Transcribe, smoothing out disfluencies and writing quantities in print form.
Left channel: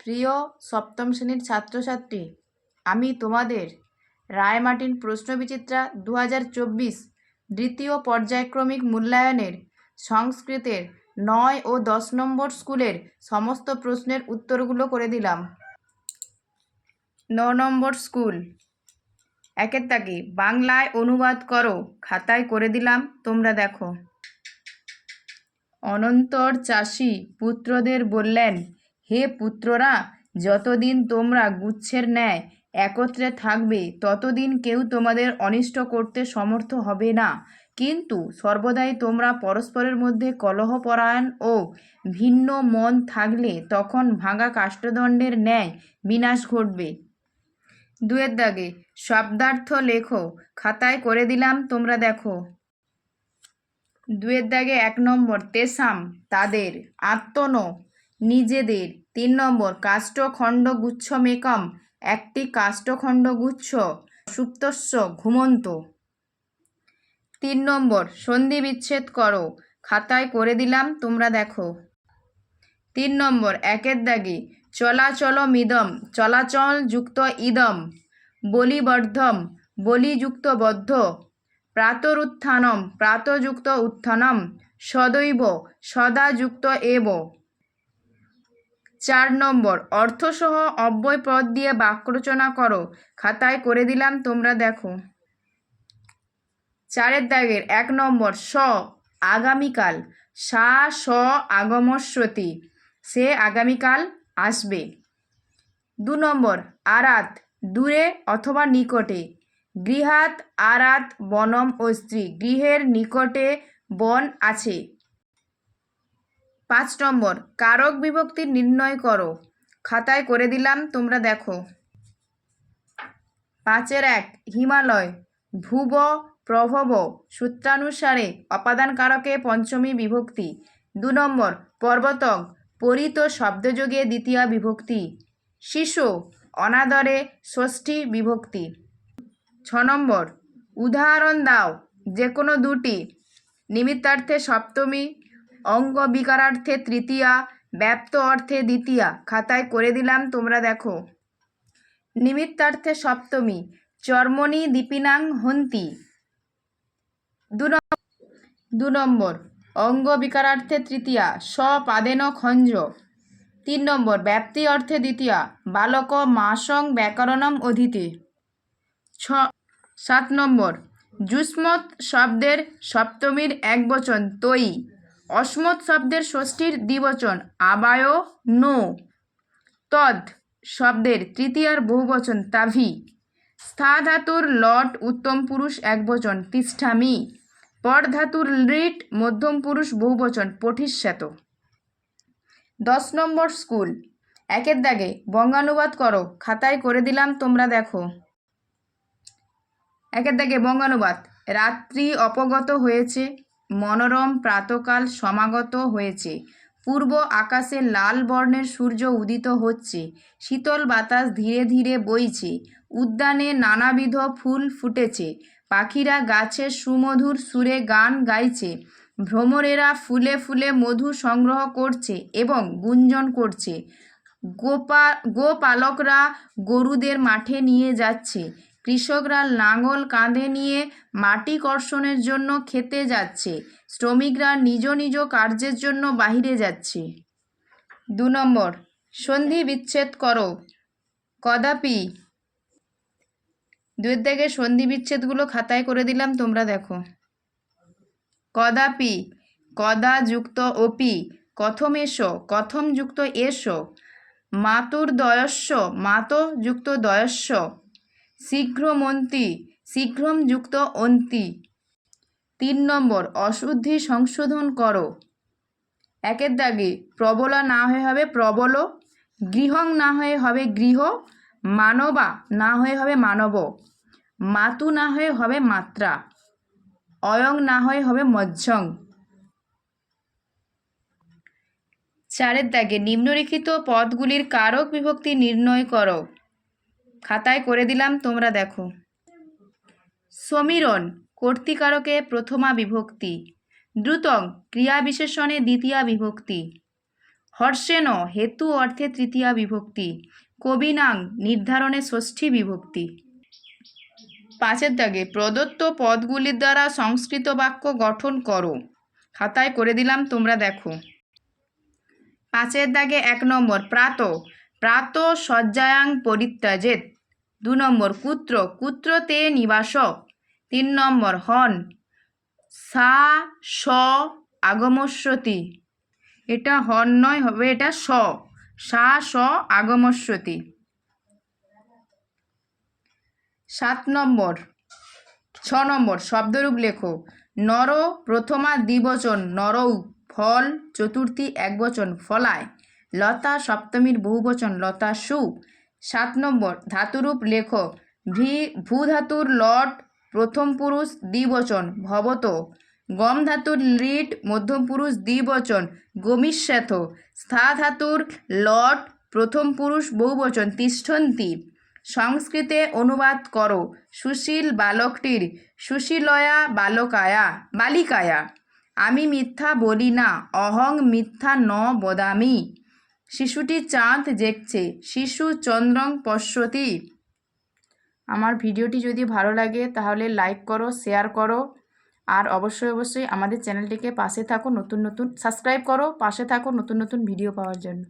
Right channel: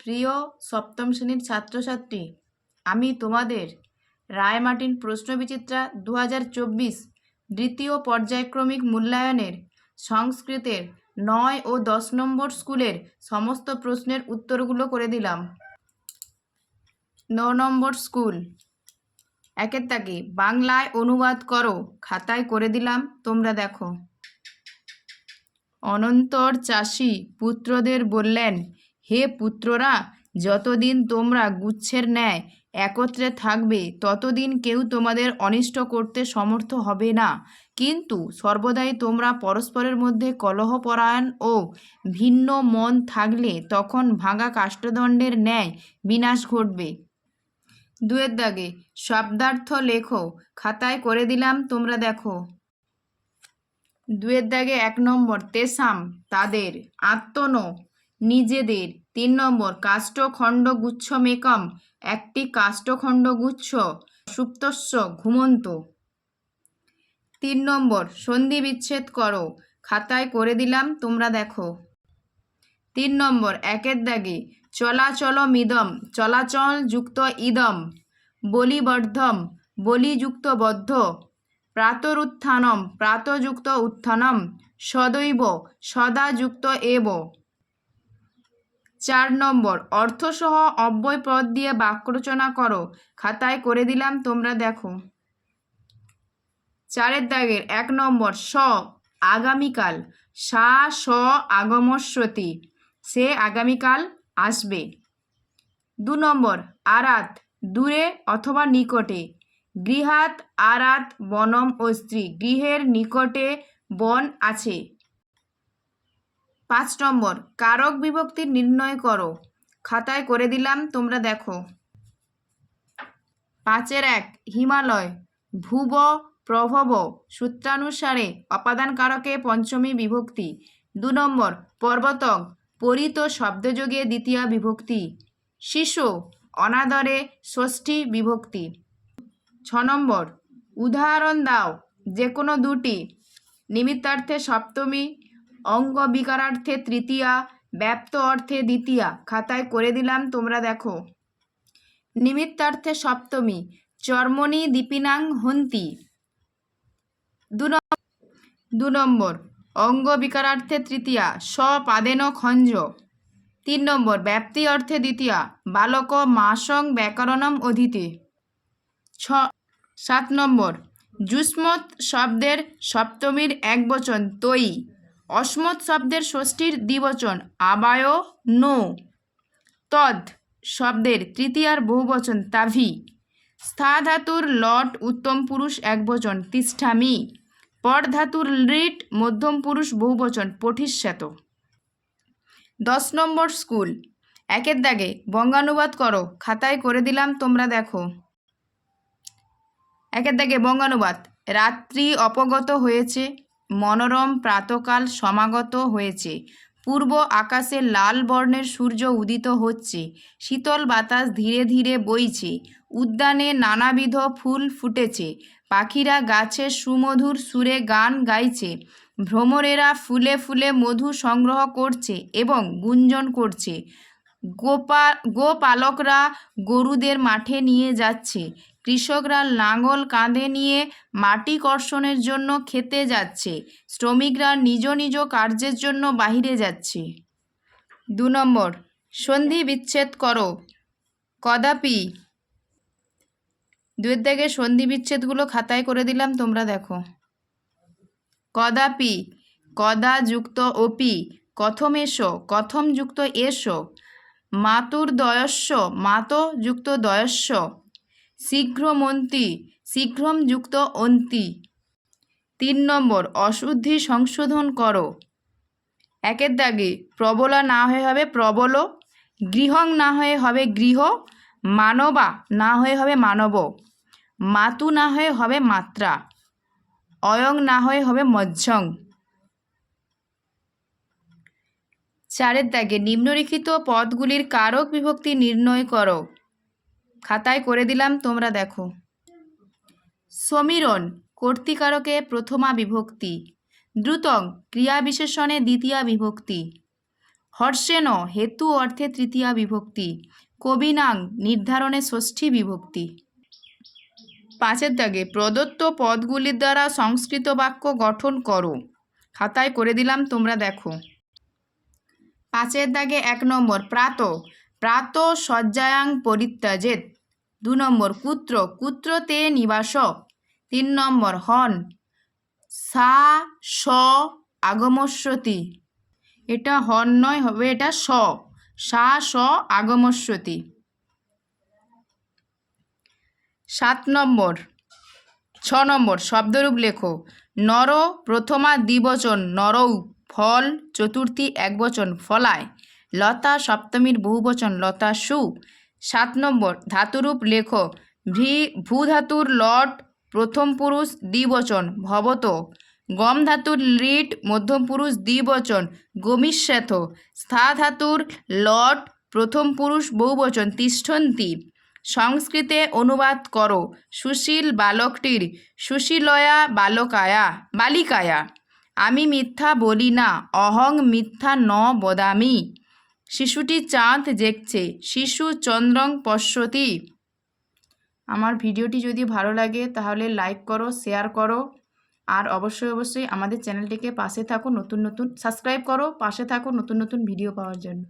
প্রিয় সপ্তম শ্রেণীর ছাত্রছাত্রী, আমি তোমাদের রায়মার্টিন প্রশ্নবিচিত্রা 2024 দ্বিতীয় পর্যায়ক্রমিক মূল্যায়নের সংস্কৃতের 9 ও 10 নম্বর স্কুলের সমস্ত প্রশ্নের উত্তরগুলো করে দিলাম। 9 নম্বর স্কুল, একের তাকে বাংলায় অনুবাদ করো, খাতায় করে দিলাম, তোমরা দেখো। অনন্তর চাষি পুত্রদের বললেন, হে পুত্ররা, যতদিন তোমরা গুচ্ছের ন্যায় একত্রে থাকবে ততদিন কেউ তোমাদের অনিষ্ট করতে সমর্থ হবে না, কিন্তু সর্বদাই তোমরা পরস্পরের মধ্যে কলহপরায়ণ ও ভিন্ন মন থাকলে তখন ভাঙা কাষ্ঠদণ্ডের ন্যায় বিনাশ ঘটবে। দুয়ের দাগে শব্দার্থ লেখো, খাতায় করে দিলাম, তোমরা দেখো। দুয়ের দাগে 1 নম্বর তেসাম তাদের, আত্মন নিজেদের। 3 নম্বর কাষ্ঠখণ্ড গুচ্ছমেকম একটি কাষ্ঠখণ্ড গুচ্ছ, সুপ্তস্য ঘুমন্ত। 3 নম্বর সন্ধি বিচ্ছেদ করো, খাতায় করে দিলাম, তোমরা দেখো। 3 নম্বর একের দাগে চলাচলমিদম চলাচল যুক্ত ইদম, বলিবর্ধম বলিযুক্ত বদ্ধ, প্রাতরুত্থানম প্রাতযুক্ত উত্থানম, সদৈব সদাযুক্ত এব। 4 নম্বর অর্থসহ অব্যয় পদ দিয়ে বাক্য রচনা করো, খাতায় করে দিলাম, তোমরা দেখো। 4 দাগের 1 নম্বর স আগামীকাল, সা স আগমস্যতি, সে আগামীকাল আসবে। 2 নম্বর আরাত দূরে অথবা নিকটে, গৃহাৎ আরাত বনম অস্ত্রী, গৃহের নিকটে বন আছে। 5 নম্বর কারক বিভক্তি নির্ণয় করো, খাতায় করে দিলাম, তোমরা দেখো। 5-এর 1 হিমালয় ভুব প্রভব সূত্রানুসারে অপাদান কারকে পঞ্চমী বিভক্তি। 2 নম্বর পর্বতং পরিত শব্দযোগে দ্বিতীয়া বিভক্তি। শিশু অনাদরে ষষ্ঠী বিভক্তি। 6 নম্বর উদাহরণ দাও যে কোনো দুটি, নিমিত্তার্থে সপ্তমী, অঙ্গ বিকারার্থে তৃতীয়া, ব্যপ্ত অর্থে দ্বিতীয়া, খাতায় করে দিলাম, তোমরা দেখো। নিমিত্তার্থে সপ্তমী চর্মণি দীপিনাং হন্তি। 2 নম্বর অঙ্গ বিকারার্থে তৃতীয়া, স্বপাদেন খঞ্জ। 3 নম্বর ব্যাপ্তি অর্থে দ্বিতীয়া, বালক মাসং ব্যাকরণম অধীতে। 7 নম্বর যুষ্মৎ শব্দের সপ্তমীর একবচন তৈ, অস্মৎ শব্দের ষষ্ঠীর দ্বিবচন আবায় নো, তদ শব্দের তৃতীয়ার বহুবচন তাভি, স্থা ধাতুর লট উত্তম পুরুষ একবচন তিষ্ঠামি, পর ধাতুর লিট মধ্যম পুরুষ বহুবচন পঠিষ্যত। 10 নম্বর স্কুল, একের দাগে বঙ্গানুবাদ করো, খাতায় করে দিলাম, তোমরা দেখো। একের দাগে বঙ্গানুবাদ, রাত্রি অপগত হয়েছে, মনোরম প্রাতকাল সমাগত হয়েছে, পূর্ব আকাশে লাল বর্ণের সূর্য উদিত হচ্ছে, শীতল বাতাস ধীরে ধীরে বইছে, উদ্যানে নানাবিধ ফুল ফুটেছে, পাখিরা গাছে সুমধুর সুরে গান গাইছে, ভ্রমরেরা ফুলে ফুলে মধু সংগ্রহ করছে এবং গুঞ্জন করছে, গোপালকরা গরুদের মাঠে নিয়ে যাচ্ছে, কৃষকরা লাঙল কাঁধে নিয়ে মাটি কর্ষণের জন্য খেতে যাচ্ছে, শ্রমিকরা নিজ নিজ কার্যের জন্য বাহিরে যাচ্ছে। 2 নম্বর সন্ধি বিচ্ছেদ করো, কদাপি। 2 দাগে সন্ধি বিচ্ছেদগুলো খাতায় করে দিলাম, তোমরা দেখো। কদাপি কদা যুক্ত অপি, কথম এসো কথম যুক্ত এসো, মাতুর্দয়স্য মাত যুক্ত দয়স্য, শীঘ্রমন্তি শীঘ্রম যুক্ত অন্তি। 3 নম্বর অশুদ্ধি সংশোধন করো, একের দাগে প্রবলা না হয়ে হবে প্রবল, গৃহং না হয়ে হবে গৃহ, মানবা না হয়ে হবে মানব, মাতু না হয়ে হবে মাত্রা, অয়ং না হয়ে হবে মধ্যং। 4 দাগে নিম্নলিখিত পদগুলির কারক বিভক্তি নির্ণয় করো, খাতায় করে দিলাম, তোমরা দেখো। সমীরণ কর্তৃকারকে প্রথমা বিভক্তি, দ্রুতং ক্রিয়া বিশেষণে দ্বিতীয়া বিভক্তি, হর্ষেণ হেতু অর্থে তৃতীয়া বিভক্তি। কবিনাং নির্ধারণে ষষ্ঠী বিভক্তি। 5 দাগে প্রদত্ত পদগুলির দ্বারা সংস্কৃত বাক্য গঠন করো। খাতায় করে দিলাম, তোমরা দেখো। 5 দাগে 1 নম্বর প্রাত, প্রাত শয্যায়াং পরিত্যাজেত। 2 নম্বর কুত্র, কুত্র তে নিবাস। 3 নম্বর হন, সা স আগমস্যতি। এটা হন নয়, হবে এটা স, সা স আগমস্যতি। 7 নম্বর 6 নম্বর শব্দরূপ লেখো। নর প্রথমা দ্বিবচন নরৌ, ফল চতুর্থী একবচন ফলায়, লতা সপ্তমীর বহুবচন লতাসু। 7 নম্বর ধাতুরূপ লেখো। ভূ ধাতুর লট প্রথম পুরুষ দ্বিবচন ভবত, গম ধাতুর লিট মধ্যম পুরুষ দ্বিবচন গমিষ্যথ, স্থা ধাতুর লট প্রথম পুরুষ বহুবচন তিষ্ঠন্তি। সংস্কৃতে অনুবাদ করো। সুশীল বালকটির সুশীলয়া বালিকায়া। আমি মিথ্যা বলি না, অহং মিথ্যা ন বদামি। শিশুটি চাঁদ দেখছে, শিশু চন্দ্রং পশ্যতি। আমার ভিডিওটি যদি ভালো লাগে তাহলে লাইক করো, শেয়ার করো, আর অবশ্যই আমাদের চ্যানেলটিকে পাশে থাকো, সাবস্ক্রাইব করো, পাশে থাকো নতুন ভিডিও পাওয়ার জন্য।